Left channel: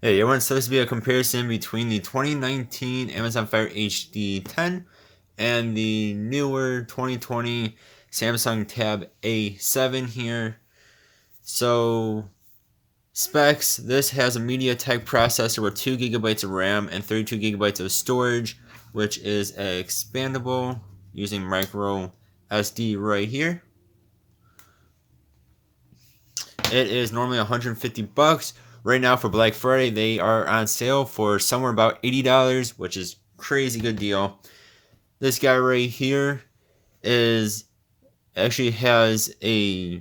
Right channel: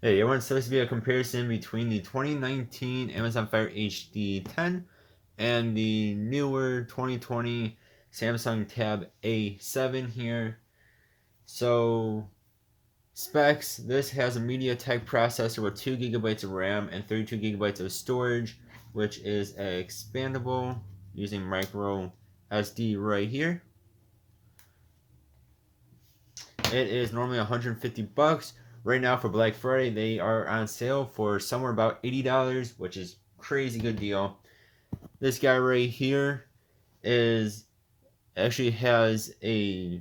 Hey everyone, so this will be a comparison between the 2019 Amazon Fire HD10 and the newer 2020 Samsung Tab A7 here. So, specs, this has a MediaTek processor with 2 gigabytes of RAM and 32 gigabytes of storage, which is expandable using micro SD right here. It is normally 150 bucks. Right now for Black Friday, they are on sale for somewhere about $80, which is crazy good deal. This guy right here is actually has a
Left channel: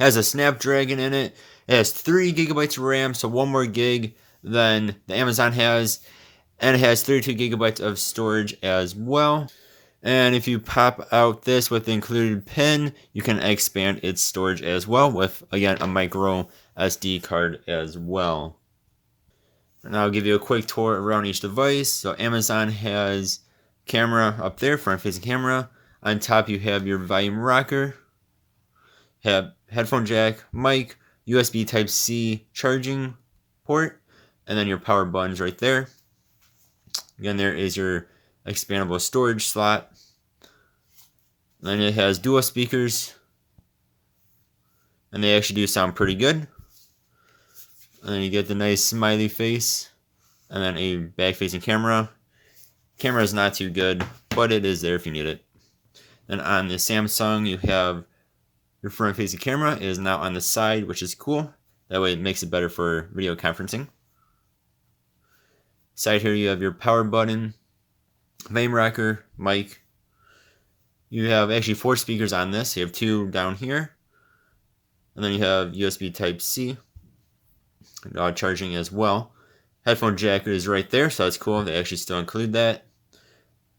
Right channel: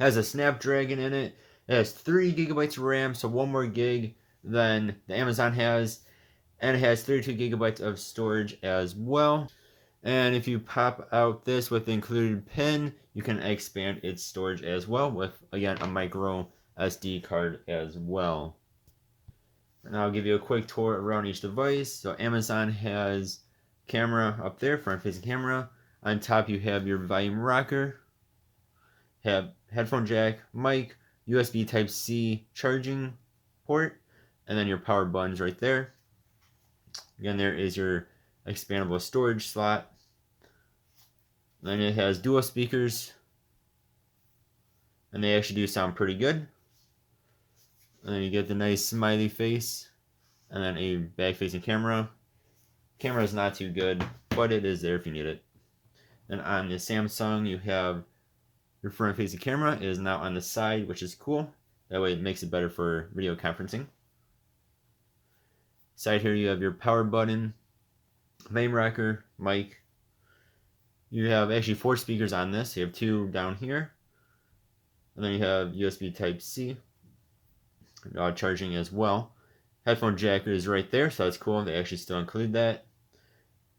Snapdragon in it. It has 3 gigabytes of RAM, so one more gig than the Amazon has, and it has 32 gigabytes of storage as well. And if you pop out this with the included pin, you can expand its storage as well with, again, a micro SD card as well. And I'll give you a quick tour around each device. So Amazon has camera up there, front-facing camera. On top you have your volume rocker, have headphone jack, mic, USB Type-C charging port, and then your power buttons right there. Again, there is your expandable storage slot. Then it has dual speakers, and they actually do sound pretty good. And then you get the nice smiley face, and then a back-facing camera. Camera is not too good, but it is there if you need it. Then on the Samsung, you have your front-facing camera. It is now on the side, which is cool. That way it makes it better for video conferencing. Side here, you have your power button, volume rocker, mic. You have actually 4 speakers on this. You have 2 down here. And then you have USB Type-C charging as well. Headphone jack is right there, so that's cool. They actually still include that.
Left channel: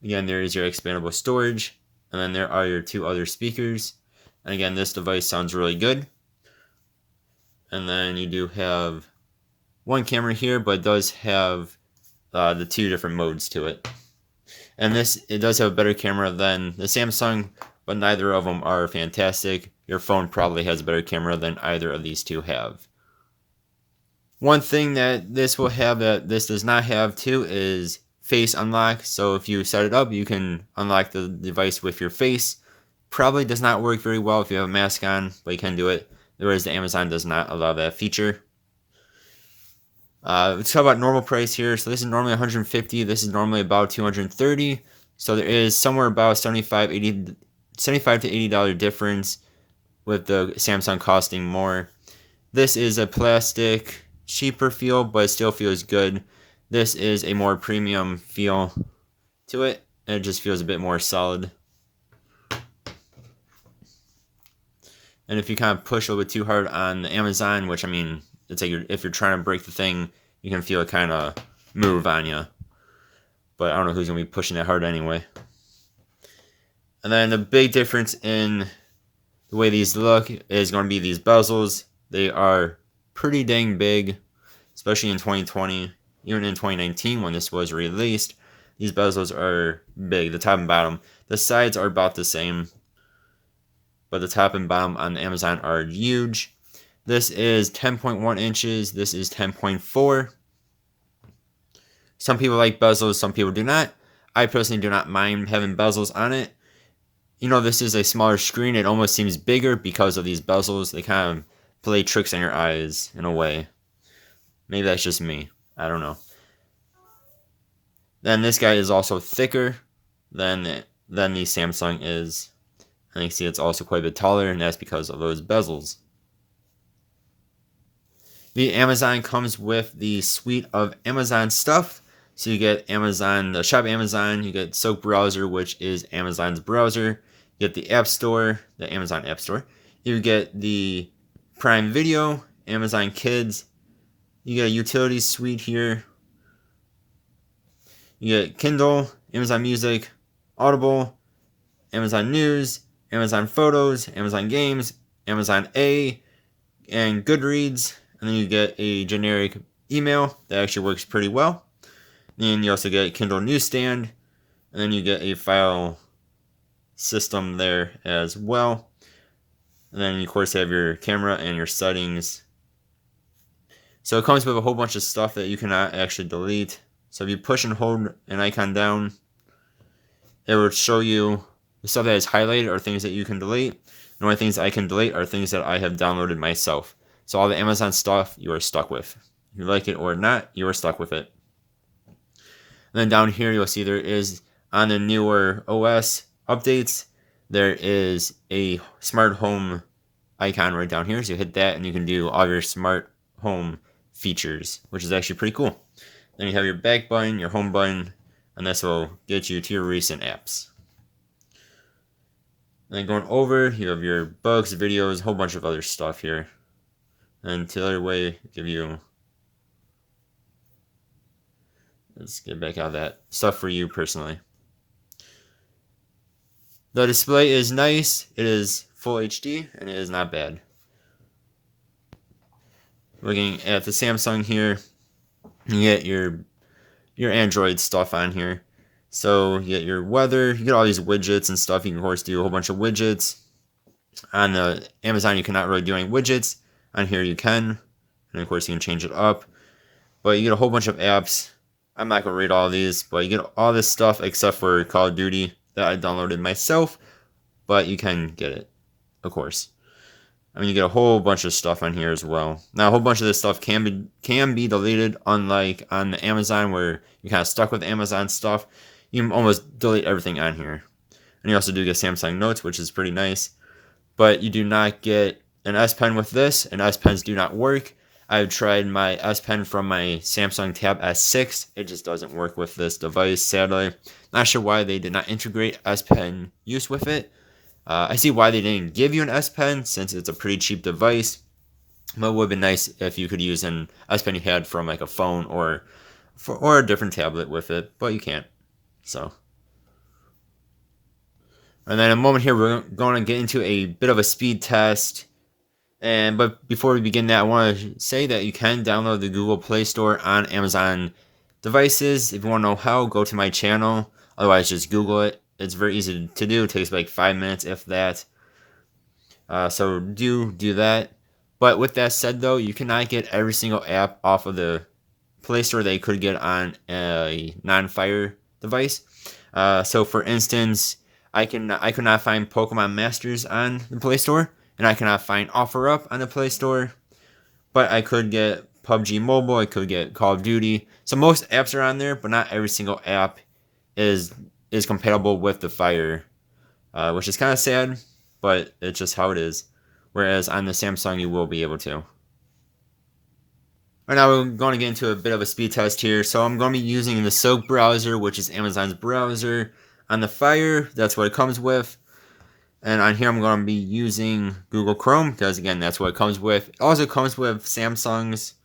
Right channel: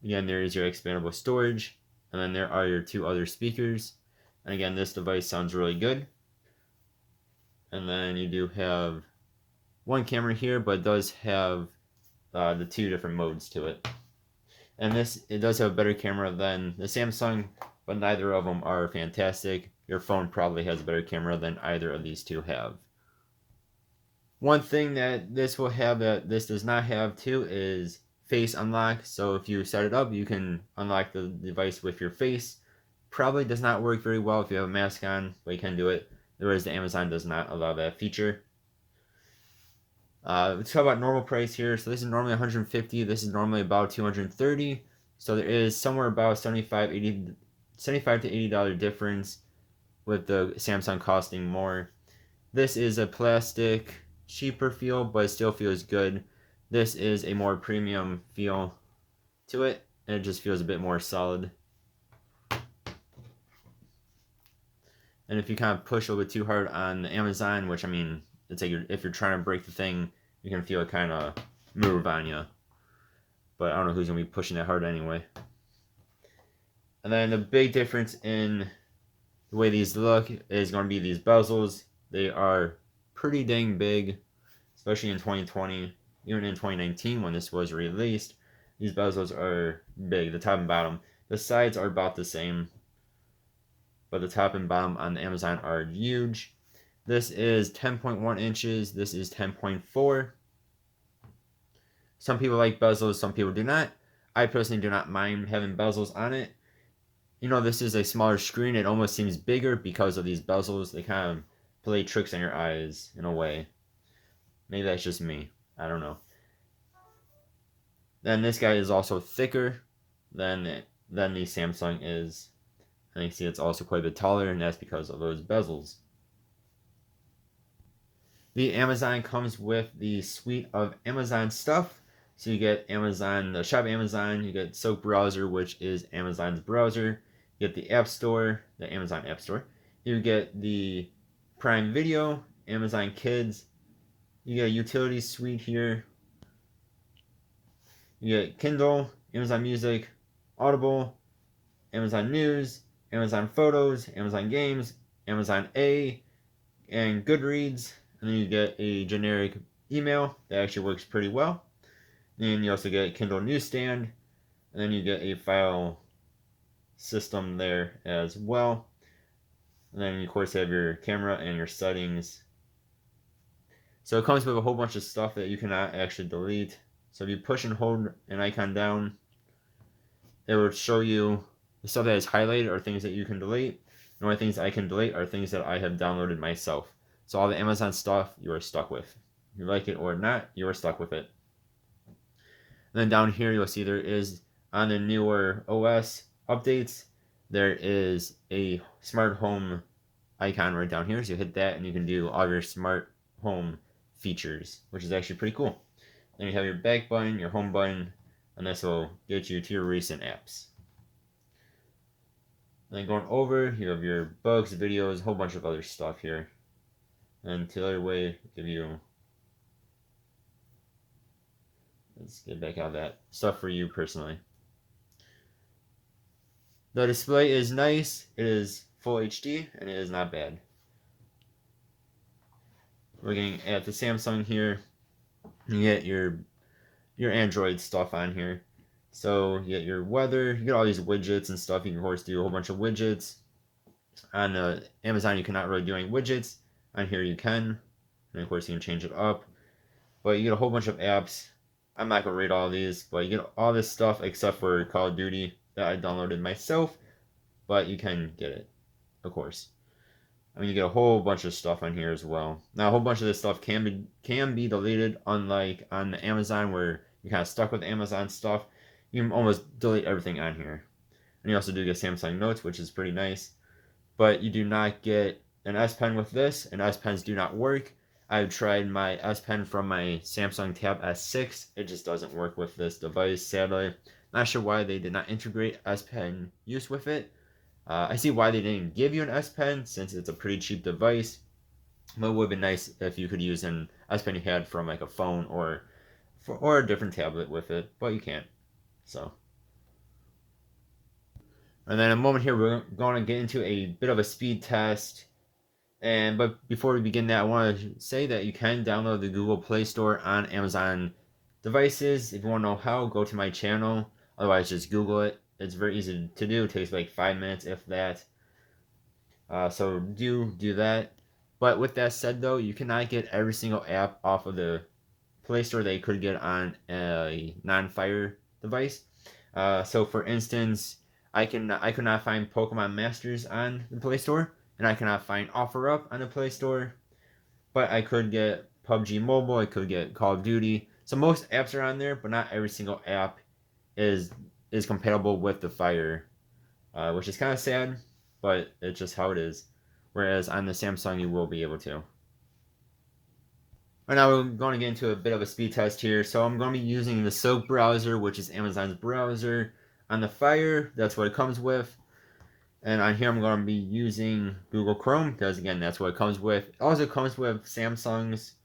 Again, there is your expandable storage, and then there are your 2 other speakers. And again, this device sounds really good. And then you do have one camera here, but it does have the 2 different modes to it. And it does have a better camera than the Samsung, but neither of them are fantastic. Your phone probably has a better camera than either of these 2 have. One thing that this will have that this does not have too is face unlock. So if you set it up, you can unlock the device with your face. Probably does not work very well if you have a mask on, but you can do it. Whereas the Amazon does not allow that feature. Let's talk about normal price here. So this is normally 150. This is normally about 230. So there is somewhere about 75 to $80 difference with the Samsung costing more. This is a plastic, cheaper feel, but it still feels good. This is a more premium feel to it, and it just feels a bit more solid. And if you kind of push a little bit too hard on the Amazon, which I mean, it's like if you're trying to break the thing, you can feel it kind of move on you. But I don't know who's going to be pushing that hard anyway. And then the big difference in the way these look is going to be these bezels. They are pretty dang big, especially in 2020, even in 2019 when this was released. These bezels are big, the top and bottom. The sides are about the same, but the top and bottom on Amazon are huge. This is 10.1 inches. This is 10.4. Some people like bezels, some people do not. I personally do not mind having bezels on it. You know, this is a smaller screen. It almost seems bigger because of these bezels. They kind of play tricks on your eyes in a way. Maybe that's just me. I don't know. Then this guy is also thicker than the Samsung is. And you can see it's also quite a bit taller, and that's because of those bezels. The Amazon comes with the suite of Amazon stuff. So you get the Shop Amazon, you get Soap Browser, which is Amazon's browser. You get the App Store, the Amazon App Store. You get the Prime Video, Amazon Kids. You get a Utilities suite here. You get Kindle, Amazon Music, Audible, Amazon News, Amazon Photos, Amazon Games, Amazon A, and Goodreads. And then you get a generic email that actually works pretty well. And you also get Kindle Newsstand. And then you get a file system there as well. And then you, of course, have your camera and your settings. So it comes with a whole bunch of stuff that you cannot actually delete. So if you push and hold an icon down, it will show you the stuff that is highlighted are things that you can delete. The only things I can delete are things that I have downloaded myself. So all the Amazon stuff you are stuck with. If you like it or not, you are stuck with it. And then down here you'll see there is, on the newer OS updates, there is a smart home icon right down here. So you hit that and you can do all your smart home features, which is actually pretty cool. Then you have your back button, your home button, and this will get you to your recent apps. And then going over, you have your books, videos, a whole bunch of other stuff here. And the other way, give you, let's get back out of that stuff for you personally. The display is nice. It is full HD and it is not bad. Looking at the Samsung here, you get your Android stuff on here. So you get your weather, you get all these widgets and stuff. You can of course do a whole bunch of widgets. On the Amazon you cannot really do any widgets. On here you can. And of course you can change it up. But you get a whole bunch of apps. I'm not going to read all of these, but you get all this stuff except for Call of Duty that I downloaded myself. But you can get it, of course. I mean, you get a whole bunch of stuff on here as well. Now, a whole bunch of this stuff can be deleted, unlike on the Amazon where you're kind of stuck with Amazon stuff. You can almost delete everything on here. And you also do get Samsung Notes, which is pretty nice. But you do not get an S Pen with this, and S Pens do not work. I've tried my S Pen from my Samsung Tab S6. It just doesn't work with this device, sadly. Not sure why they did not integrate S Pen use with it. I see why they didn't give you an S Pen since it's a pretty cheap device. But it would have been nice if you could use an S Pen you had from like a phone or a different tablet with it, but you can't. So. And then in a moment here, we're going to get into a bit of a speed test. But before we begin that, I want to say that you can download the Google Play Store on Amazon devices. If you want to know how, go to my channel. Otherwise, just Google it. It's very easy to do. It takes like 5 minutes, if that. So do that. But with that said, though, you cannot get every single app off of the Play Store that you could get on a non-Fire device. So for instance, I could not find Pokemon Masters on the Play Store, and I cannot find OfferUp on the Play Store. But I could get PUBG Mobile. I could get Call of Duty. So most apps are on there, but not every single app is compatible with the Fire, which is kind of sad, but it's just how it is. Whereas on the Samsung, you will be able to. Right now, we're going to get into a bit of a speed test here. So I'm going to be using the Silk browser, which is Amazon's browser. On the Fire, that's what it comes with. And on here, I'm going to be using Google Chrome, because again, that's what it comes with. It also comes with Samsung's,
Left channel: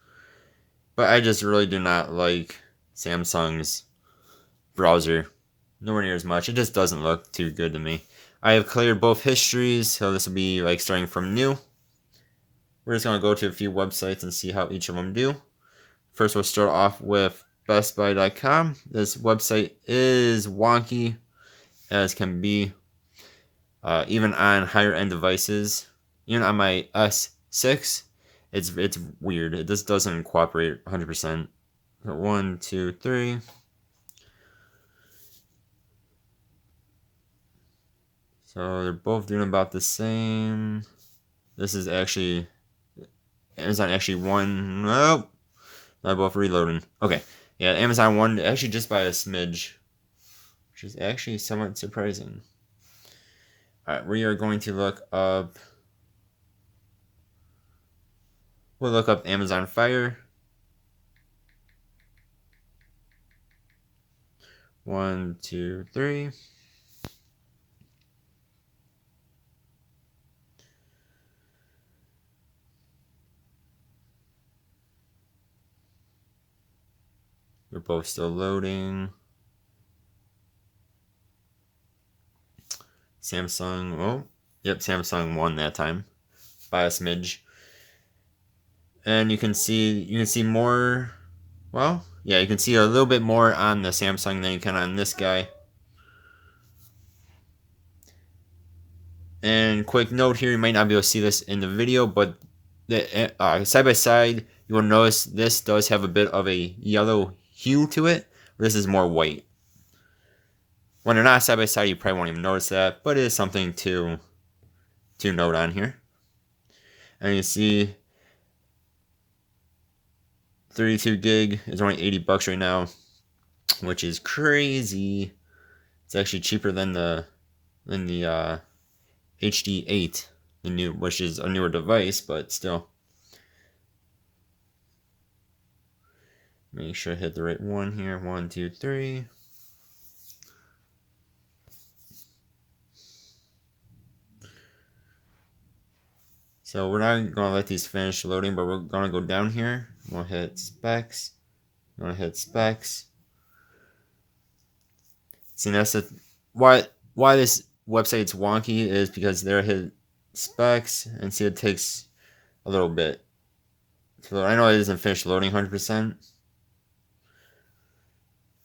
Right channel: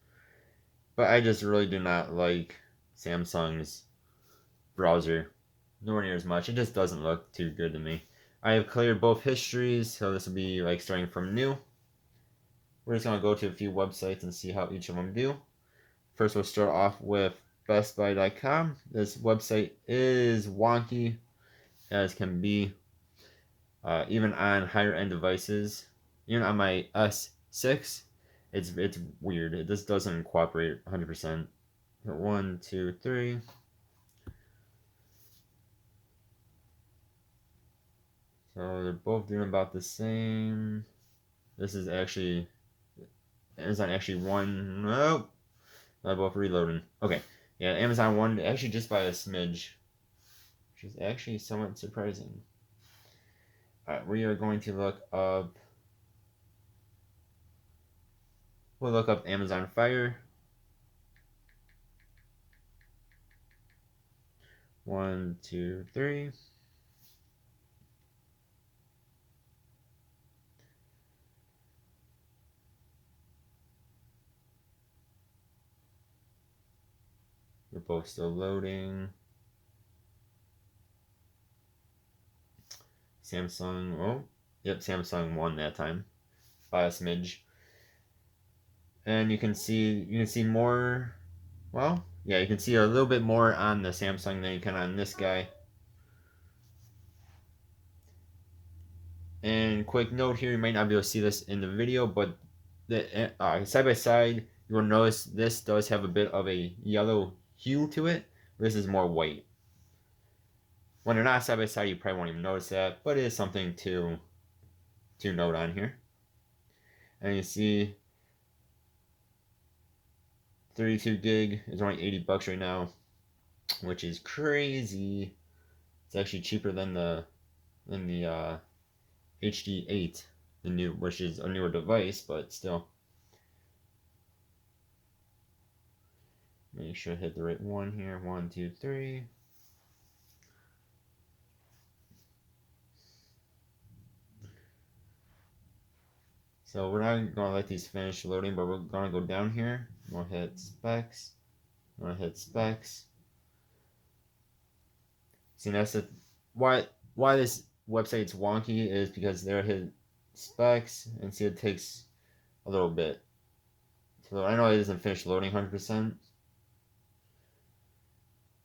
but I just really do not like Samsung's browser. Nowhere near as much. It just doesn't look too good to me. I have cleared both histories, so this will be like starting from new. We're just going to go to a few websites and see how each of them do. First, we'll start off with bestbuy.com. This website is wonky as can be, even on higher end devices. Even on my S6, it's weird. It just doesn't cooperate 100%. 1, 2, 3. So they're both doing about the same. This is actually Amazon actually won. Nope. They're both reloading. Okay. Yeah, Amazon won actually just by a smidge, which is actually somewhat surprising. Alright, we are going to look up. We'll look up Amazon Fire. 1, 2, 3. We're both still loading. Samsung, oh, yep, Samsung won that time by a smidge. And you can see more, well, yeah, you can see a little bit more on the Samsung than you can on this guy. And quick note here, you might not be able to see this in the video, but the side by side, you will notice this does have a bit of a yellow hue to it. This is more white. When they're not side by side, you probably won't even notice that, but it is something to note on here. And you see 32 gig is only $80 right now, which is crazy. It's actually cheaper than the hd10, which is a newer device, but still. Make sure I hit the right one here. 1, 2, 3. So we're not gonna let these finish loading, but we're gonna go down here. We'll hit specs. I'm gonna hit specs. See, that's why this website's wonky is because there I hit specs and see it takes a little bit. So I know it isn't finished loading 100%.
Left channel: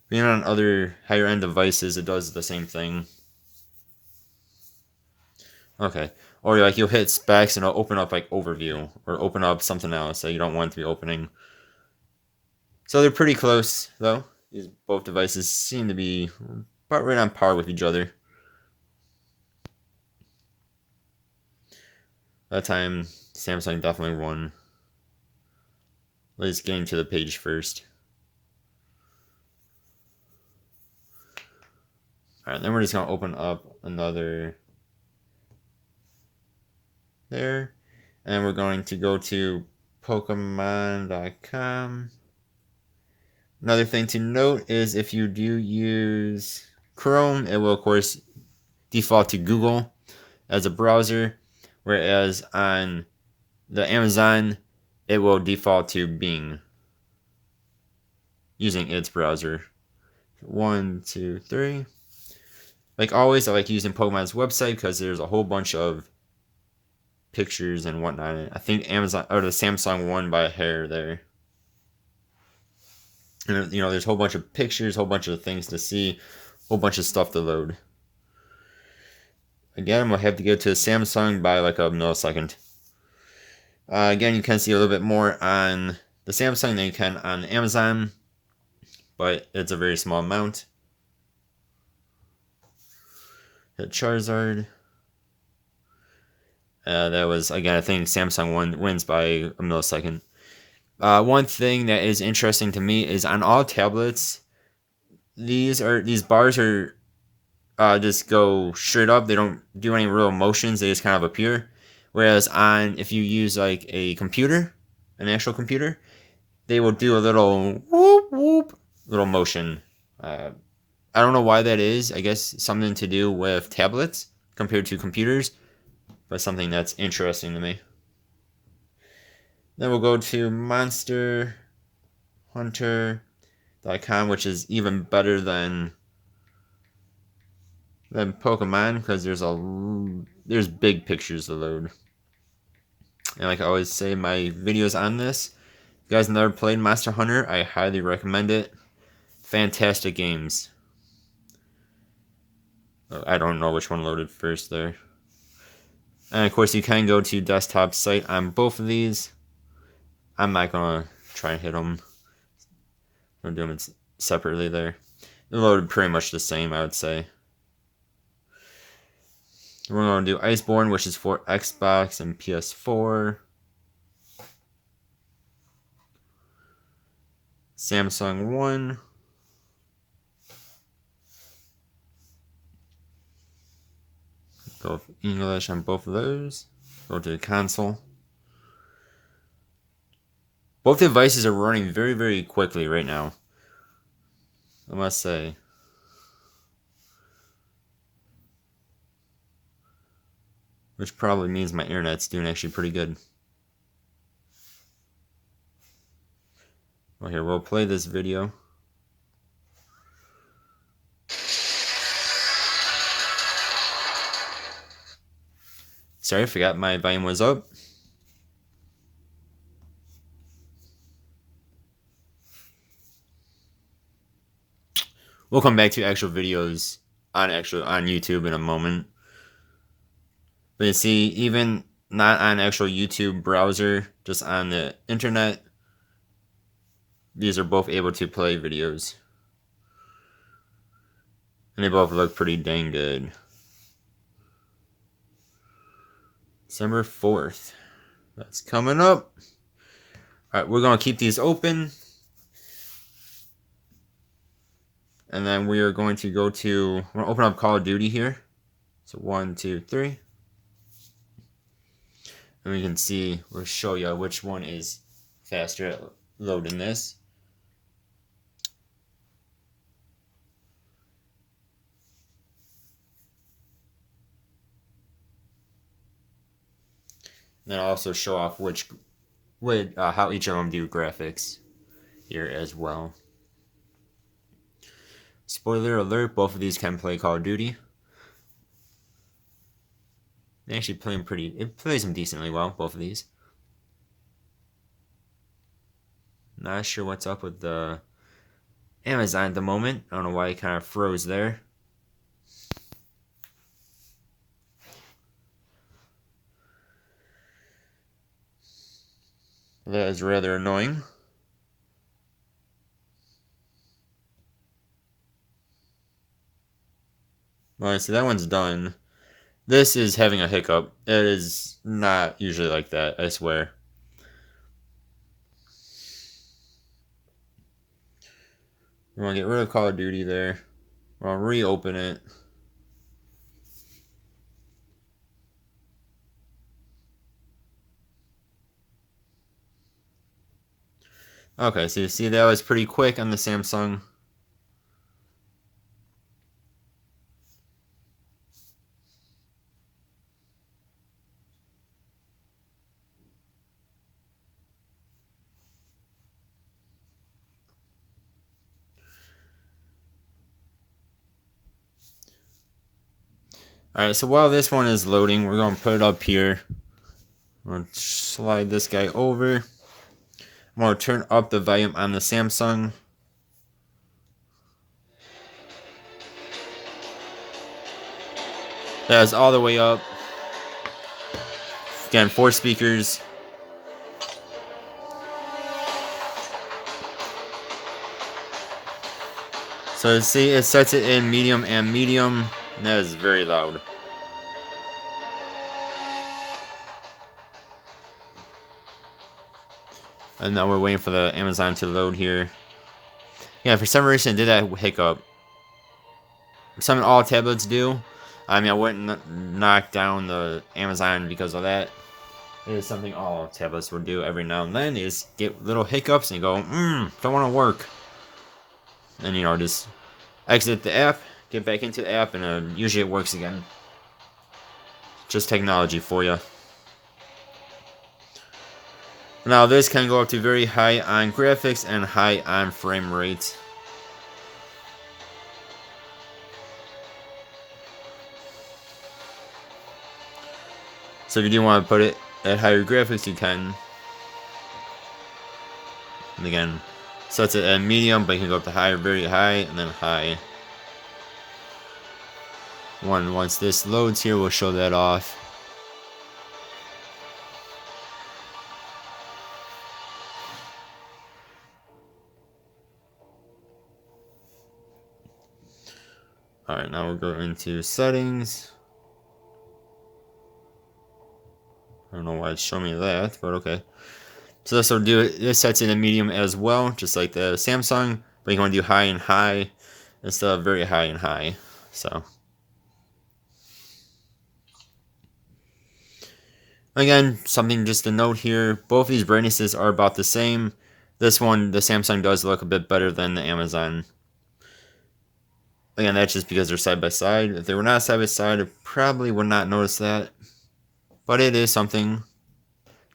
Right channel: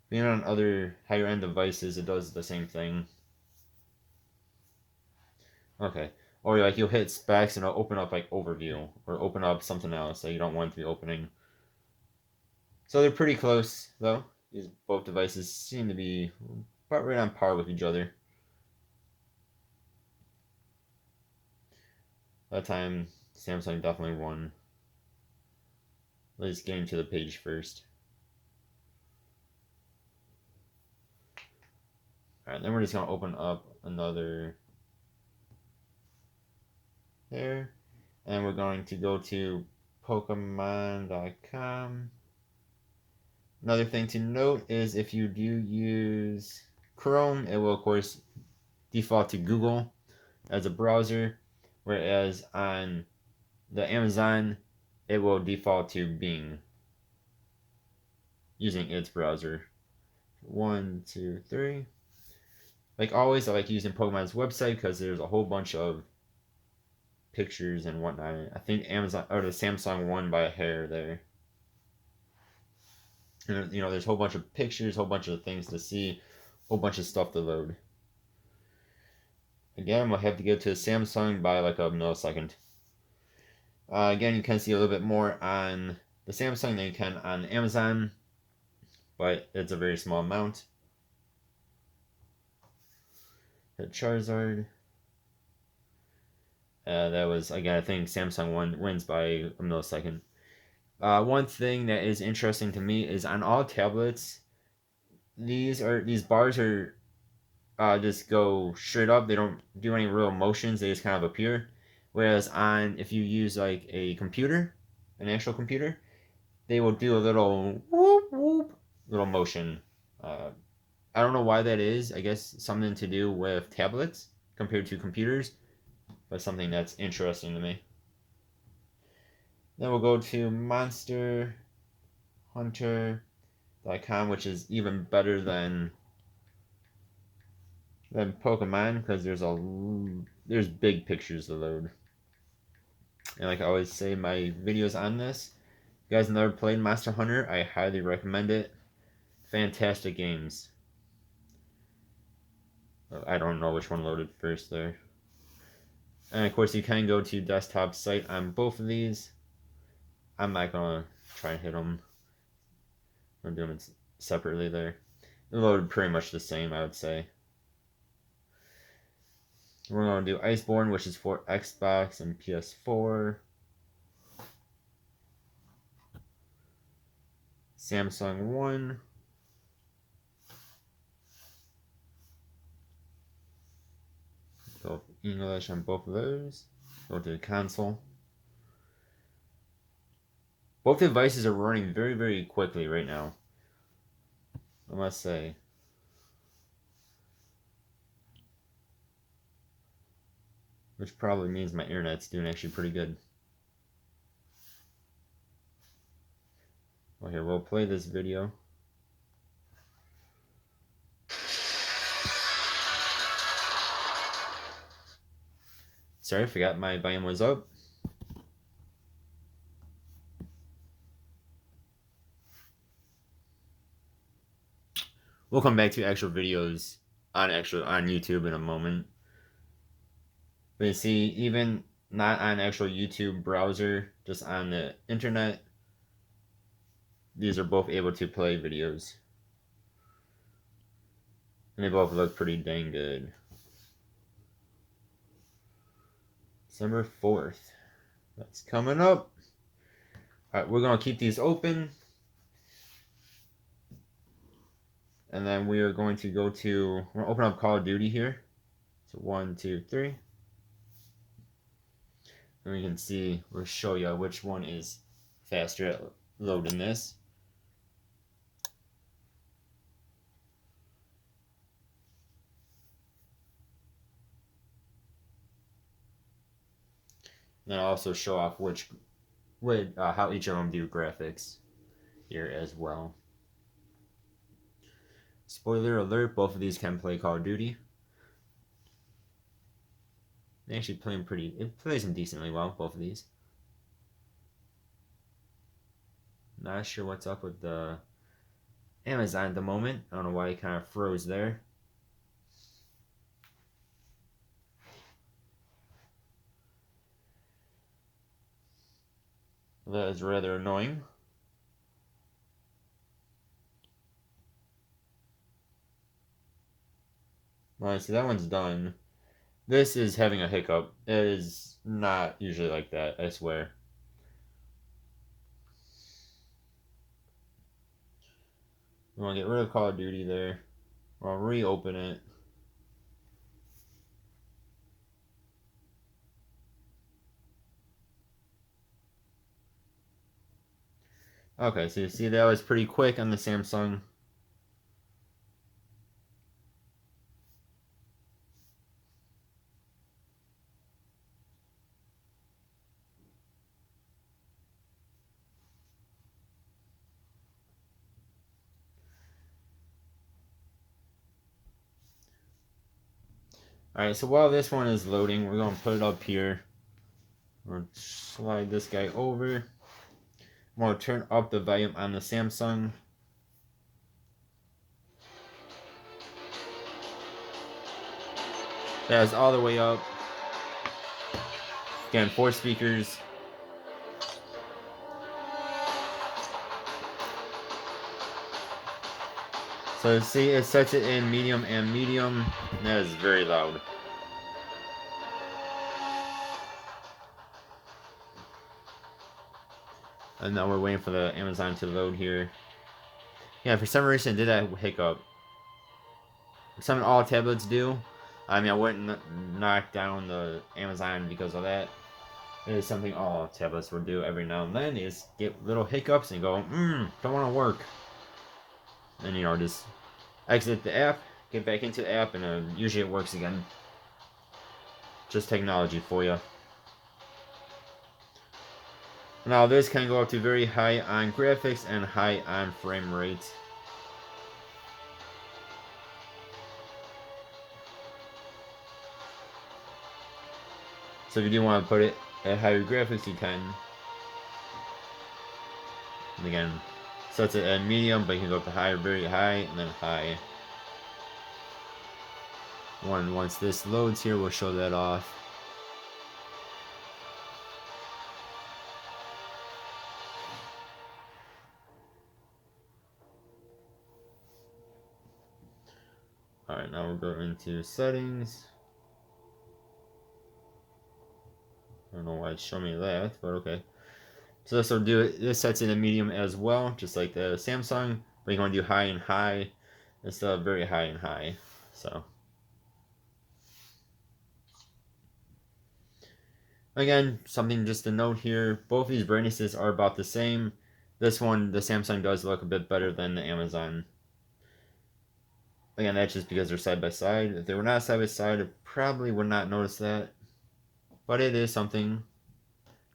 Being on other higher end devices, it does the same thing. Okay. Or like you'll hit specs and it'll open up like overview or open up something else that you don't want to be opening. So they're pretty close though. These both devices seem to be about right on par with each other. That time Samsung definitely won. Let's get into the page first. Alright, then we're just gonna open up another there. And we're going to go to Pokemon.com. Another thing to note is if you do use Chrome, it will of course default to Google as a browser, whereas on the Amazon, it will default to Bing using its browser. 1, 2, 3. Like always, I like using Pokemon's website because there's a whole bunch of pictures and whatnot. I think Amazon or the Samsung won by a hair there. And, you know, there's a whole bunch of pictures, a whole bunch of things to see, a whole bunch of stuff to load. Again, we'll have to get to Samsung by like a millisecond. Again, you can see a little bit more on the Samsung than you can on Amazon, but it's a very small amount. Hit Charizard. That was, again, I think Samsung wins by a millisecond. One thing that is interesting to me is on all tablets, these bars are just go straight up. They don't do any real motions. They just kind of appear. Whereas if you use like a computer, an actual computer, they will do a little whoop whoop little motion. I don't know why that is. I guess something to do with tablets compared to computers, but something that's interesting to me. Then we'll go to monsterhunter.com, which is even better than Pokemon because there's big pictures to load. And like I always say, my videos on this, if you guys never played Monster Hunter, I highly recommend it. Fantastic games. I don't know which one loaded first there. And of course, you can go to desktop site on both of these. I'm not gonna try and hit them. I'm doing it separately there. It loaded pretty much the same, I would say. We're going to do Iceborne, which is for Xbox and PS4. Samsung 1. Go with English on both of those. Go to the console. Both devices are running very, very quickly right now, I must say. Which probably means my internet's doing actually pretty good. Well, here, we'll play this video. Sorry, I forgot my volume was up. We'll come back to actual videos on YouTube in a moment. But you see, even not on actual YouTube browser, just on the internet, these are both able to play videos. And they both look pretty dang good. December 4th. That's coming up. Alright, we're going to keep these open. And then we are going to go to, we're going to open up Call of Duty here. So 1, 2, 3. And we can see, we'll show you which one is faster at loading this. And then I'll also show off how each of them do graphics here as well. Spoiler alert, both of these can play Call of Duty. They actually play them it plays them decently well, both of these. Not sure what's up with the Amazon at the moment. I don't know why it kind of froze there. That is rather annoying. Alright, so that one's done. This is having a hiccup. It is not usually like that, I swear. We're going to get rid of Call of Duty there. We'll reopen it. Okay, so you see that was pretty quick on the Samsung. Alright, so while this one is loading, we're going to put it up here. We're going to slide this guy over. I'm going to turn up the volume on the Samsung. That is all the way up. Again, 4 speakers. So see, it sets it in medium and medium. And that is very loud. And now we're waiting for the Amazon to load here. Yeah, for some reason it did that hiccup. Something all tablets do. I mean, I wouldn't knock down the Amazon because of that. It is something all tablets will do every now and then, is get little hiccups and go, don't want to work. And, you know, just exit the app, get back into the app, and usually it works again. Just technology for you. Now, this can go up to very high on graphics and high on frame rate. So if you do want to put it at higher graphics, you can. And again, sets it at medium, but you can go up to high, very high, and then high. Once this loads here, we'll show that off. Alright, now we'll go into settings. I don't know why it's showing me that, but okay. So this will do it. This sets it in medium as well, just like the Samsung, but you want to do high and high instead of very high and high. So again, something just to note here, both these brightnesses are about the same. This one, the Samsung, does look a bit better than the Amazon. Again, that's just because they're side by side. If they were not side by side, I probably would not notice that. But it is something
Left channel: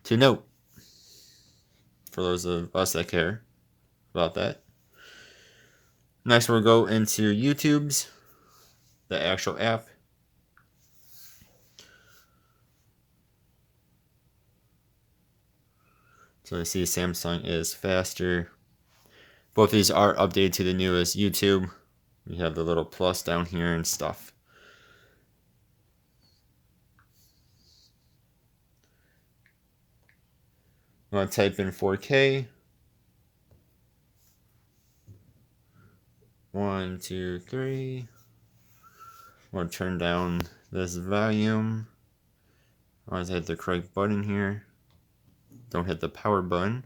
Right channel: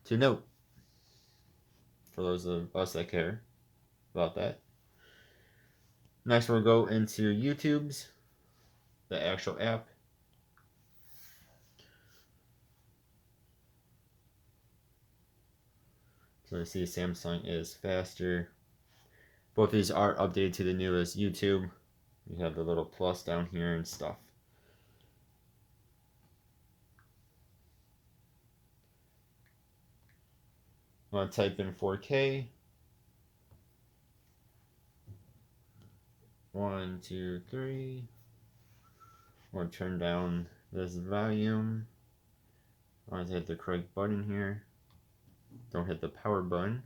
to note for those of us that care about that. Next, we'll go into YouTube's, the actual app. So I see Samsung is faster. Both of these are updated to the newest YouTube. You have the little plus down here and stuff. I'm going to type in 4K. 1, 2, 3. I'm going to turn down this volume. I want to hit the correct button here. Don't hit the power button.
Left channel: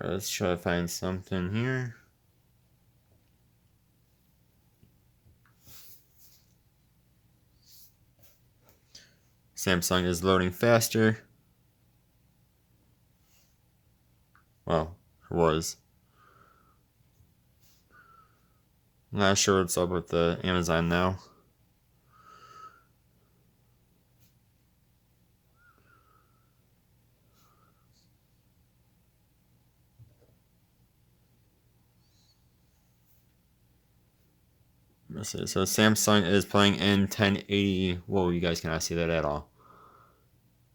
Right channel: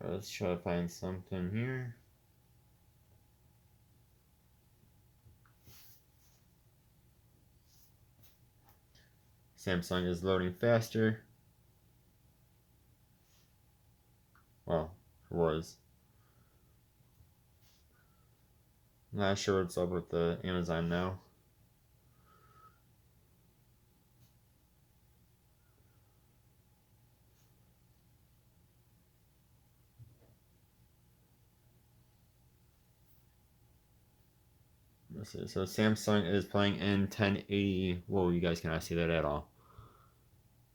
All right, let's try to find something here. Samsung is loading faster. Well, it was. I'm not sure what's up with the Amazon now. Let's see. So Samsung is playing in 1080. Whoa, you guys cannot see that at all.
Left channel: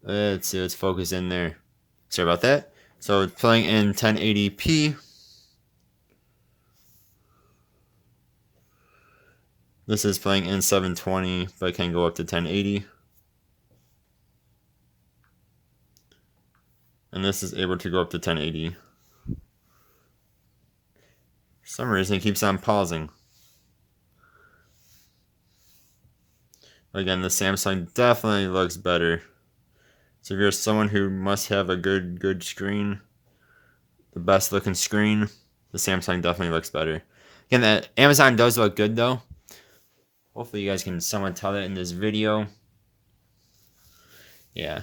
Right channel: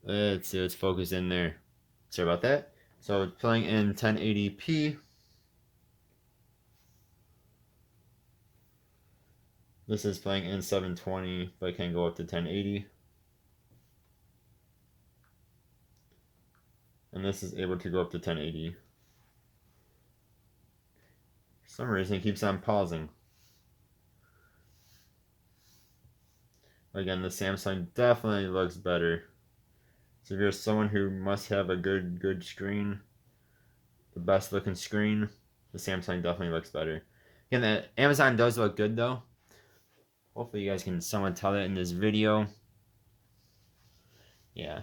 Let's see, let's focus in there. Sorry about that. So it's playing in 1080p. This is playing in 720, but can go up to 1080. And this is able to go up to 1080. For some reason it keeps on pausing. Again, the Samsung definitely looks better. So if you're someone who must have a good screen, the best looking screen, the Samsung definitely looks better. Again, the Amazon does look good though. Hopefully you guys can somewhat tell that in this video. Yeah.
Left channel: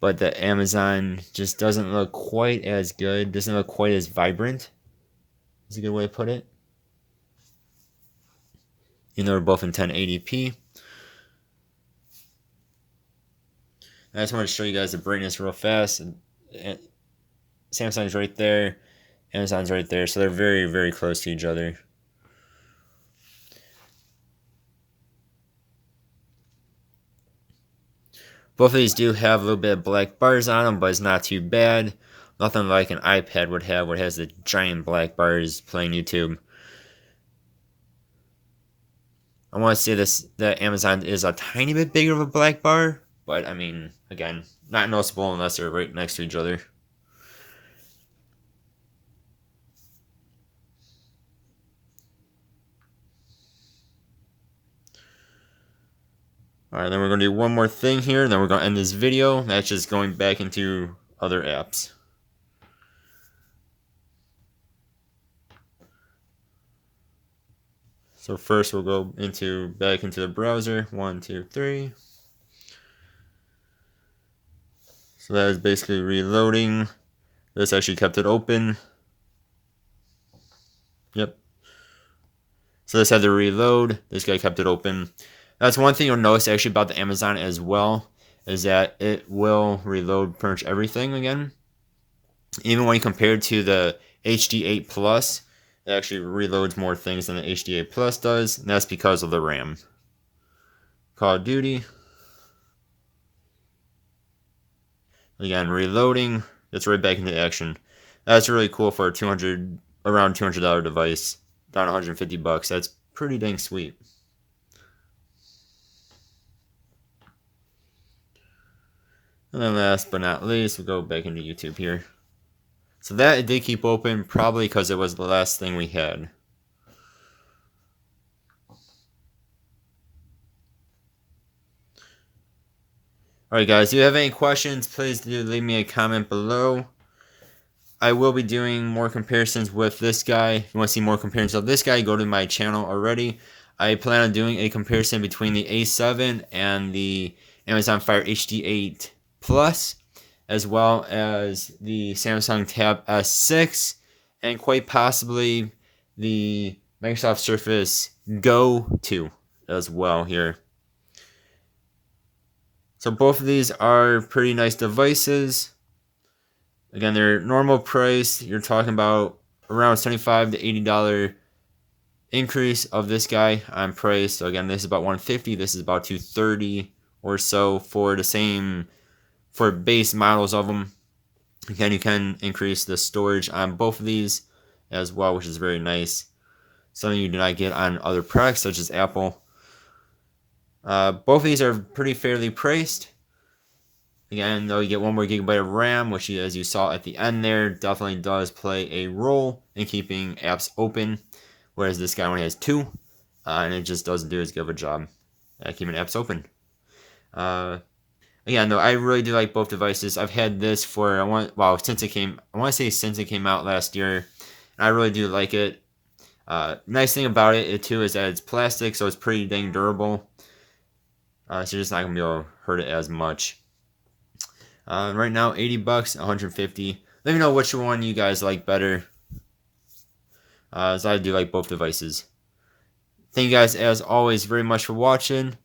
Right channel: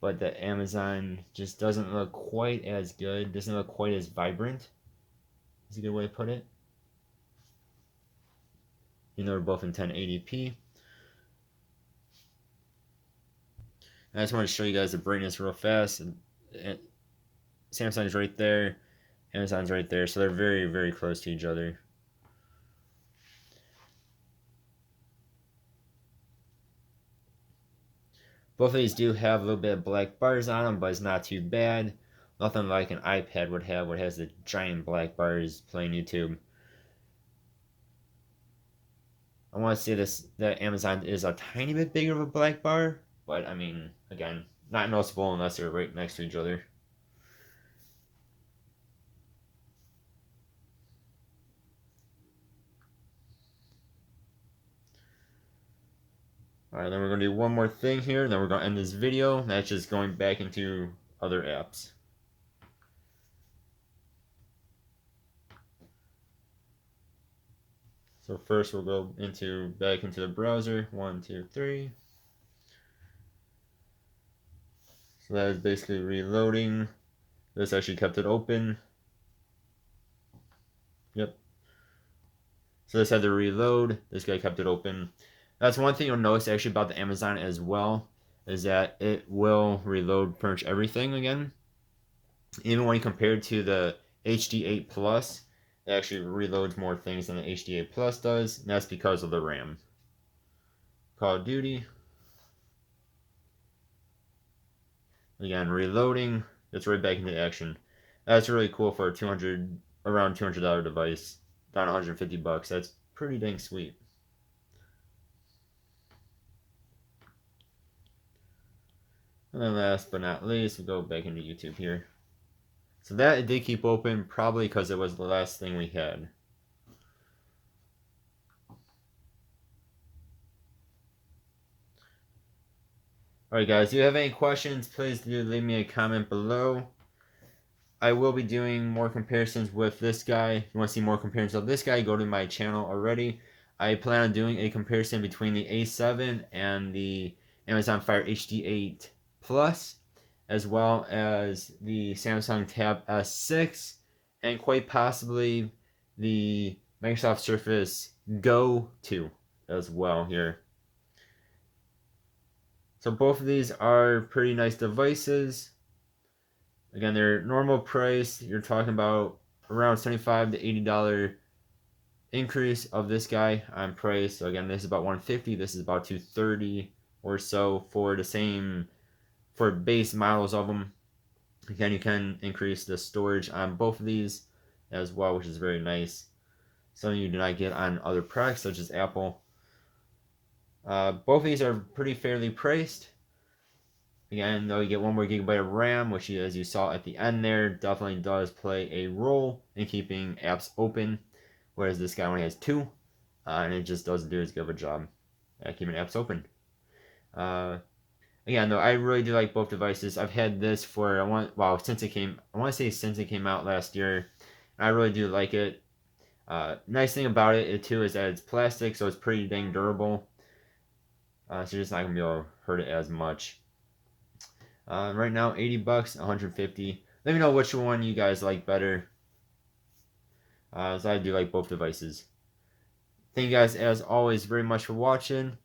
But the Amazon just doesn't look quite as good. Doesn't look quite as vibrant. Is a good way to put it. You know, they're both in 1080p. I just want to show you guys the brightness real fast. Samsung's right there. Amazon's right there. So they're very close to each other. Both of these do have a little bit of black bars on them, but it's not too bad. Nothing like an iPad would have, where it has the giant black bars playing YouTube. I want to say that Amazon is a tiny bit bigger of a black bar, but I mean, again, not noticeable unless they're right next to each other. Alright, then we're going to do one more thing here, then we're going to end this video. That's just going back into other apps. So first we'll go back into the browser. 1, 2, 3. So that is basically reloading. This actually kept it open. Yep. So this had to reload. This guy kept it open. That's one thing you'll notice actually about the Amazon as well, is that it will reload pretty much everything again. Even when you compare it to the HD8 Plus, it actually reloads more things than the HD8 Plus does, and that's because of the RAM. Call of Duty. Again, reloading. It's right back into action. That's really cool for a around $200 device. Down 150 bucks. That's pretty dang sweet. And then last but not least, we'll go back into YouTube here. So that it did keep open, probably because it was the last thing we had. Alright guys, if you have any questions, please do leave me a comment below. I will be doing more comparisons with this guy. If you want to see more comparisons of this guy, go to my channel already. I plan on doing a comparison between the A7 and the Amazon Fire HD8 Plus, as well as the Samsung Tab S6, and quite possibly the Microsoft Surface Go 2 as well here. So both of these are pretty nice devices. Again, they're normal price. You're talking about around $75 to $80 increase of this guy on price. So again, this is about $150. This is about $230 or so for the same, for base models of them. Again, you can increase the storage on both of these as well, which is very nice. Something you do not get on other products such as Apple. Both of these are pretty fairly priced. Again, though, you get 1 more gigabyte of RAM, which, as you saw at the end there, definitely does play a role in keeping apps open, whereas this guy only has 2, and it just doesn't do as good of a job at keeping apps open. Again, though, I really do like both devices. I've had this for since it came out last year. I really do like it. Nice thing about it too is that it's plastic, so it's pretty dang durable. So you're just not gonna be able to hurt it as much. Right now, $80, $150. Let me know which one you guys like better. So I do like both devices. Thank you guys, as always, very much for watching.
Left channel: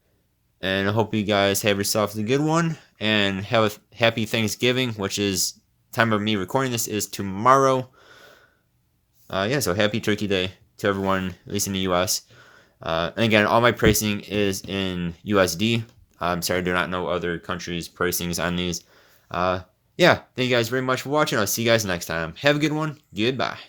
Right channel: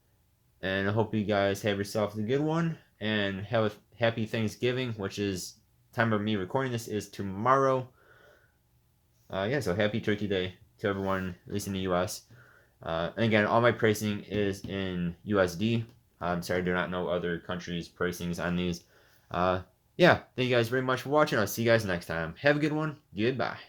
And I hope you guys have yourselves a good one. And have a happy Thanksgiving, which is time of me recording this is tomorrow. So happy Turkey Day to everyone, at least in the U.S. And again, all my pricing is in USD. I'm sorry, I do not know other countries' pricings on these. Thank you guys very much for watching. I'll see you guys next time. Have a good one. Goodbye.